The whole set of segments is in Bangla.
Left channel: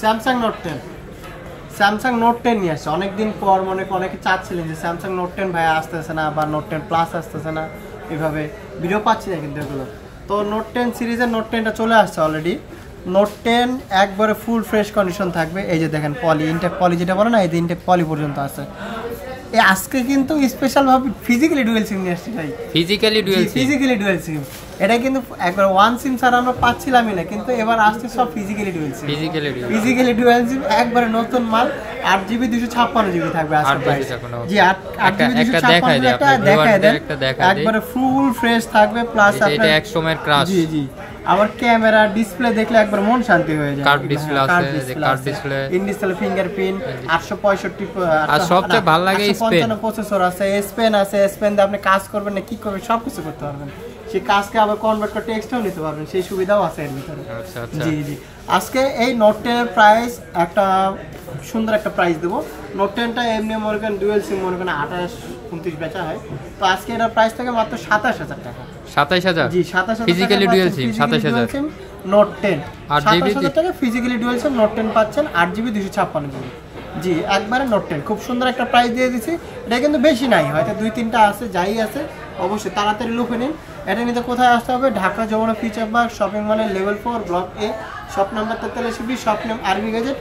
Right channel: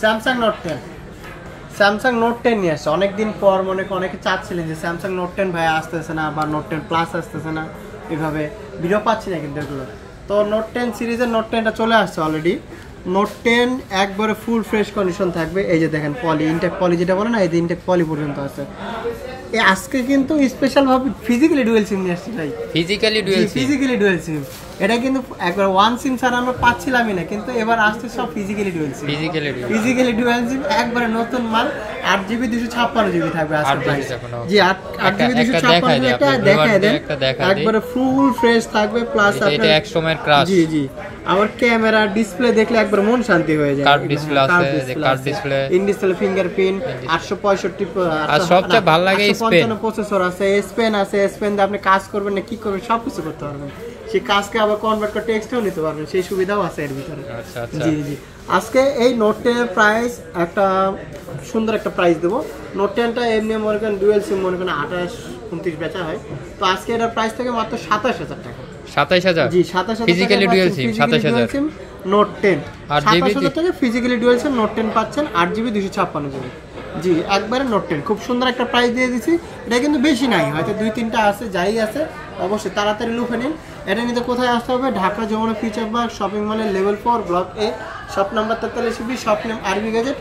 স্যামসাং নোট 10, স্যামসাং নোট 10 নিয়ে আসছে অনেকদিন পর। অনেকে চাচ্ছিলেন যে স্যামসাং নোট 10 ভাই আসতেছে না বা নোট 10 প্লাস আসতেছে না, এইভাবে ভিডিও পাচ্ছি না কিন্তু এগুলো। তো নোট 10 সিরিজের নোট 10টা চলে আসছে অলরেডি। নোট 10 একবারে ফুল ফ্রেশ কন্ডিশন থাকবে। এই যে দেখেন পলি, ইনটেক পলি যেটা বলে না, এই যে ইনটেক পলি পর্যন্ত আছে। এই আজকে কিন্তু স্পেশাল ভাবে ফিজিক্যালি ডুয়াল সিম নিয়ে আসছে ভাই, ফিজিক্যালি ডুয়াল সিম। এটা কিন্তু একবার ওয়ান সিম ছাড়ানো পাচ্ছিলামই না, কিন্তু এবার আসছে সব physically dual SIM. Physically dual SIM একবারে নতুন মাল। 8GB 256GB থাকবে আজকে প্রাইস। জি 8GB 256 এটা দেখায় দেন, একবারে ফুল ফ্রেশ থাকবে। প্লাস এটা এক সময়ের ক্রাশ। জি জি, আমার ক্যামেরা ডিসপ্লে দেখলে একবার মন শান্তি হয়ে যায়। কার্ভ ডিসপ্লে আছে, যে curve display, in display fingerprint, 865 আর সবচেয়ে ভালো লাগে স্পেন প্রসেসর আছে, এস পেন আছে। এস পেন দিয়ে আপনি কাজ করবেন না কি করবেন সবকিছু করতে পারবেন। সেই কাজকে আবার কনভার্ট করে টেক্সটও নিতে পারবেন, সেই সুবিধাও আছে এর ভিতরে। জি জি, আজকে এই নোট 10 এর প্রাইস একটা সুন্দর একটা প্রাইস দেবো। নোট 10টা এমনি মনে করেন ডুয়েল সিম মনে করেন 28-29 বেচা হয়, তো আজকে এটার প্রাইস থাকে মাত্র 27000 টাকা। 27000? জি 27000 physically dual SIM 27000 note 10, 8GB টাকা ফিজিক্যালি ডুয়াল সিম নোট 10 পাচ্ছেন 8GB 256GB। জি একবারে নোট 10 খুব সুন্দর একটা প্রাইস দিয়ে দিচ্ছি। এটা কিন্তু বেশি নাই, হয়তো 2-3টা আছে, যাই আছে অবশ্যই তাড়াতাড়ি লুফে নিন। এটা নিতে কোথায় আসতে হবে? Dhaka Jamuna future park shopping মলের লেভেল 4 ব্লক এ, shop number 43B, shop name RB gadget.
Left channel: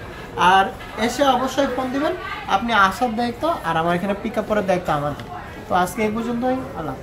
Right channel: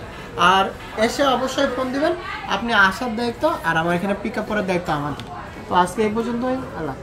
আর এসে অবশ্যই ফোন দিবেন, আপনি আসার দায়িত্ব আর আমার এখানে পিক আপ করার দায়িত্ব আমাদের। তো আজকে এই পর্যন্তই, আল্লাহ।